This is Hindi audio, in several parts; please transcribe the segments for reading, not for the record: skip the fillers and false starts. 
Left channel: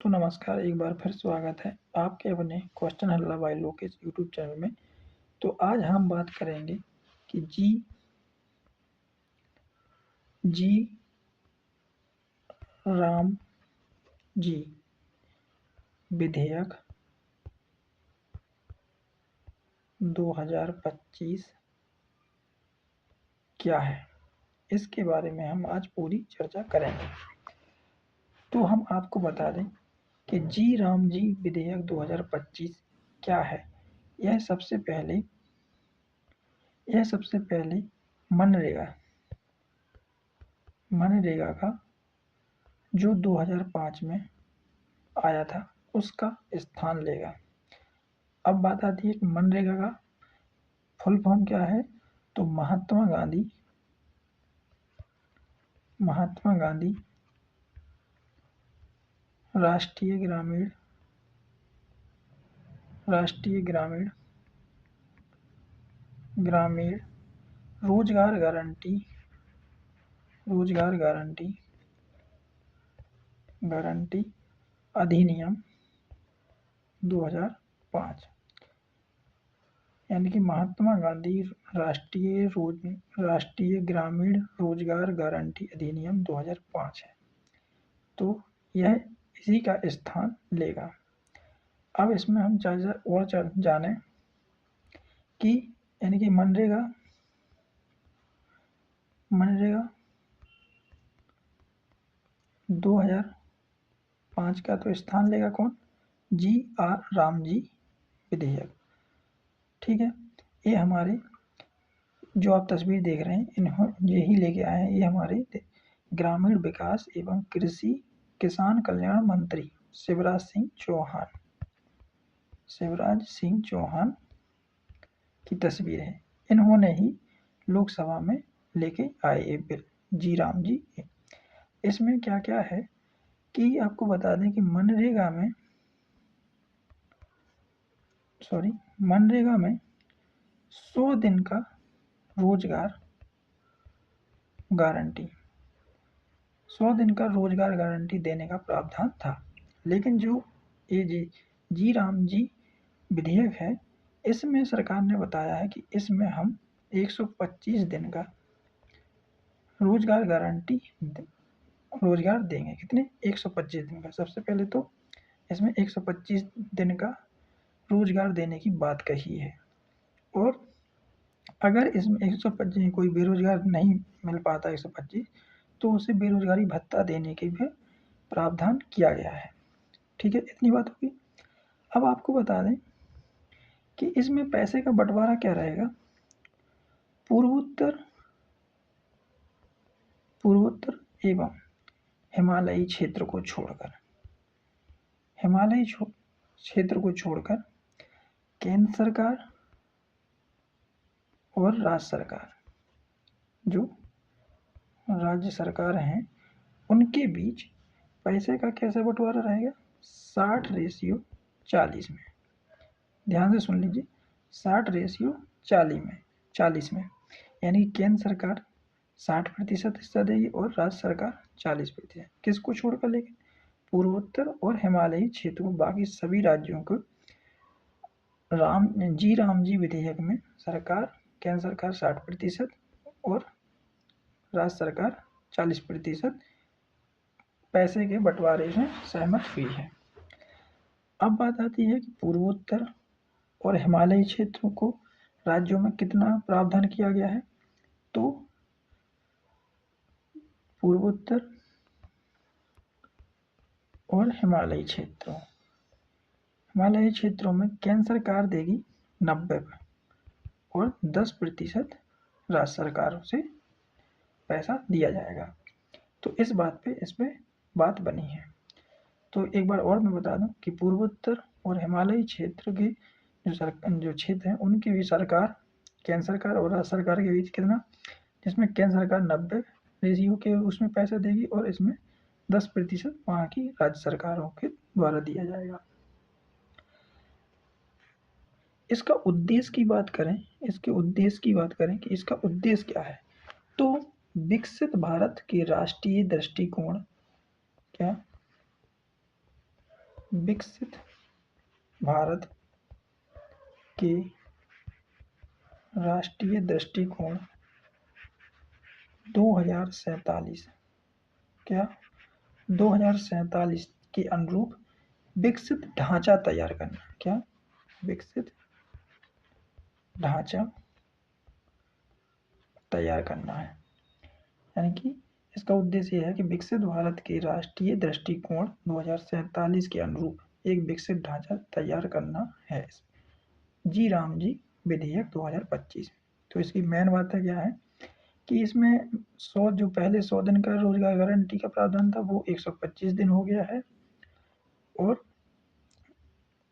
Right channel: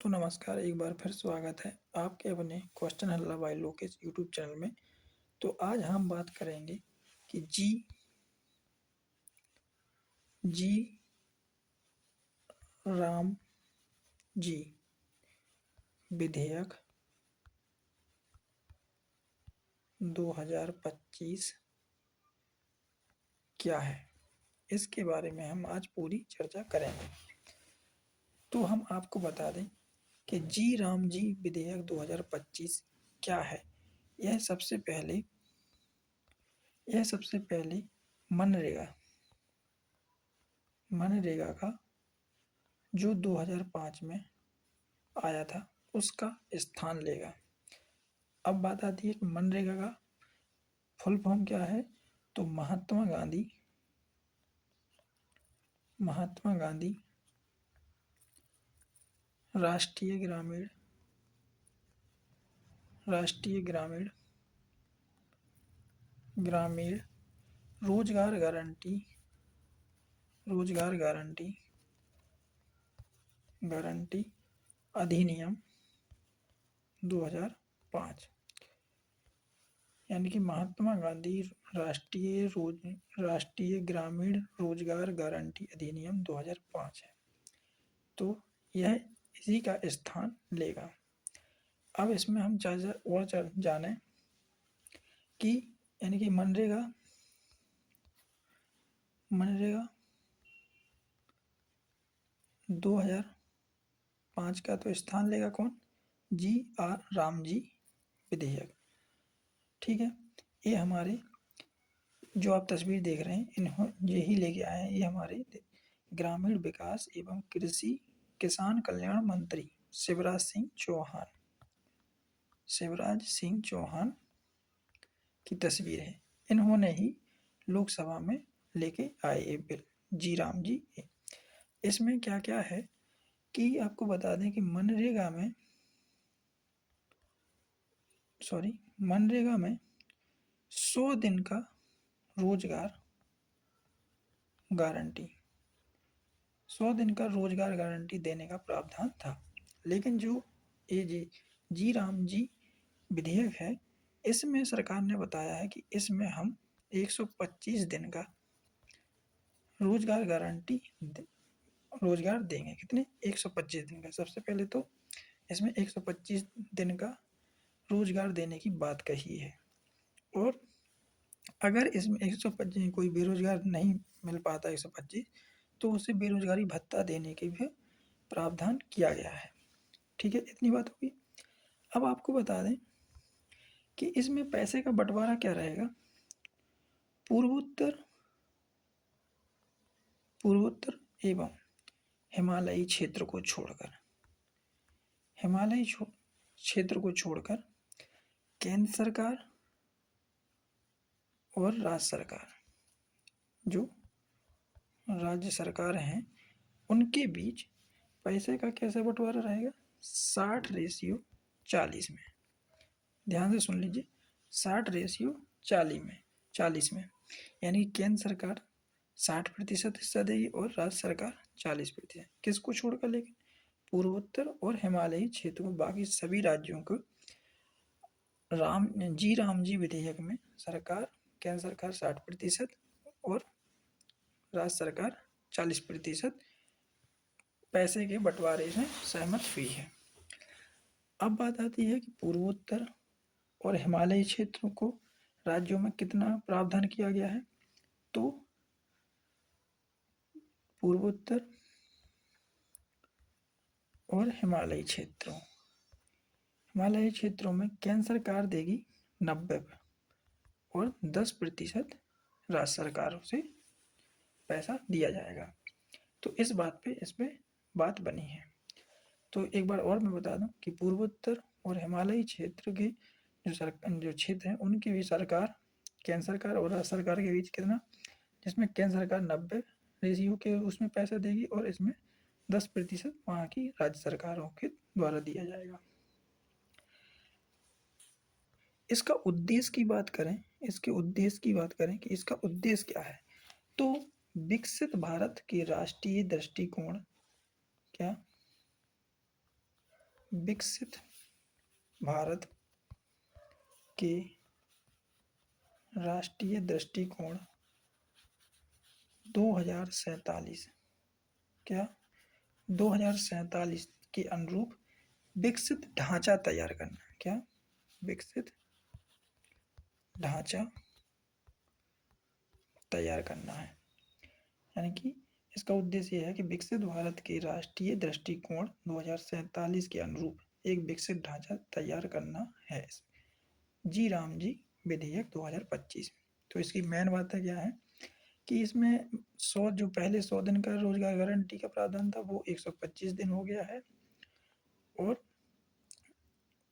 तो नमस्कार, एक बार फिर स्वागत है आपके अपने क्वेश्चन हल्ला बाय लोकेश यूट्यूब चैनल में। तो आज हम बात करेंगे कि जी राम जी विधेयक 2025 क्या है, इसके बारे में हम आज पूरी चर्चा करेंगे। तो हम आपको बता दें कि जी राम जी विधेयक 2025 क्या है। यह सबसे पहले मनरेगा मनरेगा का जो 2005 में आया था उसका स्थान लेगा। अब बात आती है कि मनरेगा का फुल फॉर्म क्या है। तो महात्मा गांधी राष्ट्रीय ग्रामीण रोजगार गारंटी अधिनियम 2005, यानी कि महात्मा गांधी राष्ट्रीय ग्रामीण रोजगार गारंटी अधिनियम 2005 है। तो यह इसी का स्थान लेगा। अब इसमें हम जाने कि यानी कि मनरेगा 2005 का तो स्थान लेगा कौन? जी आर राम जी विधेयक। ठीक है, ये हमारे जो आप तस्वीर देख रहे हैं यही लेके आए हैं। ये हमारे ग्रामीण विकास एवं कृषि किसान कल्याण मंत्री शिवराज सिंह चौहान की तस्वीर है। इन्होंने ही लोकसभा में लेके आए ये बिल जी राम जी। इसमें क्या क्या है कि आपको बता दें कि मनरेगा में 100 दिन का रोजगार गारंटी देने का प्रावधान था। लेकिन जो ये जी राम जी विधेयक है, इसमें सरकार ने बताया है कि इसमें हम 125 दिन का रोजगार देंगे। कितने? 125 दिन का। सबसे पहले तो इसमें 125 दिन का रोजगार देने की बात कही है। और अगर इसमें 125 कोई बेरोजगार नहीं मिल पाता 125, तो उसे बेरोजगारी भत्ता देने के भी प्रावधान किया गया है। ठीक है, इतनी बात होगी। अब आपको बता दें कि इसमें पैसे का बंटवारा क्या रहेगा। पूर्वोत्तर एवं हिमालयी क्षेत्र को छोड़कर केंद्र सरकार और जो राज्य सरकार हैं उनके बीच पैसे का कैसे बंटवारा रहेगा। 60:40 में। ध्यान से सुन लीजिए, 60:40 में, यानी केंद्र सरकार 60% हिस्सा देगी और राज्य सरकार 40%। किसको छोड़कर? लेकिन पूर्वोत्तर और हिमालयी क्षेत्र को, बाकी सभी राज्यों को राम जी विधेयक में केंद्र सरकार 60% और राज्य सरकार 40% पैसे के बंटवारे में सहमत हुई है। अब बात आती है कि पूर्वोत्तर और हिमालयी क्षेत्रों को राज्यों में कितना प्रावधान किया गया है। तो पूर्वोत्तर और हिमालयी क्षेत्रों में केंद्र सरकार देगी 90 और 10% राज्य सरकारों से पैसा दिया जाएगा। तो इस पे बात बनी है। तो एक बार और मैं बता दूं कि पूर्वोत्तर और हिमालयी क्षेत्र के जो क्षेत्र हैं उनकी भी सरकार, केंद्र सरकार और राज्य सरकार के बीच कितना, जिसमें केंद्र सरकार 90 रेशियो के उसमें पैसा देगी और इसमें 10% वहाँ की राज्य सरकारों के द्वारा दिया जाएगा। इसका उद्देश्य की बात करें कि इसका उद्देश्य क्या है। तो विकसित भारत के राष्ट्रीय दृष्टिकोण विकसित भारत के राष्ट्रीय दृष्टिकोण 2047 क्या 2047 के अनुरूप विकसित ढांचा तैयार करना। क्या विकसित ढांचा तैयार करना है, यानी कि इसका उद्देश्य यह है कि विकसित भारत के राष्ट्रीय दृष्टिकोण 2047 के अनुरूप एक विकसित ढांचा तैयार करना है। जी राम जी विधेयक 2025। तो इसकी मेन बात है क्या है कि इसमें 100 जो पहले 100 दिन का रोजगार गारंटी का प्रावधान था वो 125 दिन हो गया है।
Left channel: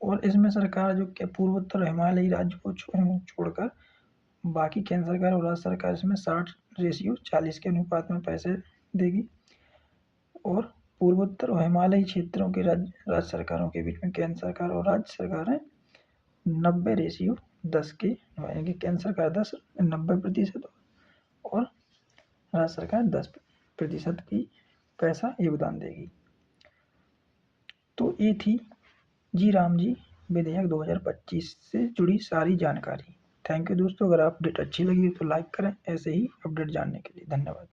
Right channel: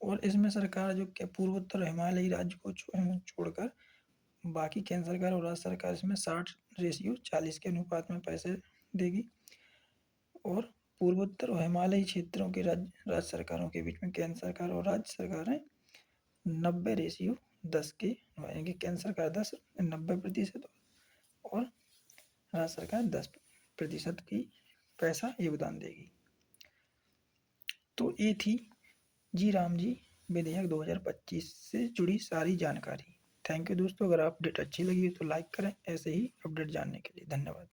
और इसमें सरकार जो कि पूर्वोत्तर हिमालयी राज्य को छोड़कर बाकी केंद्र सरकार और राज्य सरकार इसमें 60:40 के अनुपात में पैसे देगी। और पूर्वोत्तर और हिमालयी क्षेत्रों के राज्य सरकारों के बीच में केंद्र सरकार और राज्य सरकारें 90:10 के, यानी कि केंद्र सरकार 90% और राज्य सरकार 10% की पैसा योगदान देगी। तो ये थी जी राम जी विधेयक 2025 से जुड़ी सारी जानकारी। थैंक यू दोस्तों। अगर अपडेट अच्छी लगी तो लाइक करें ऐसे ही अपडेट जानने के लिए। धन्यवाद।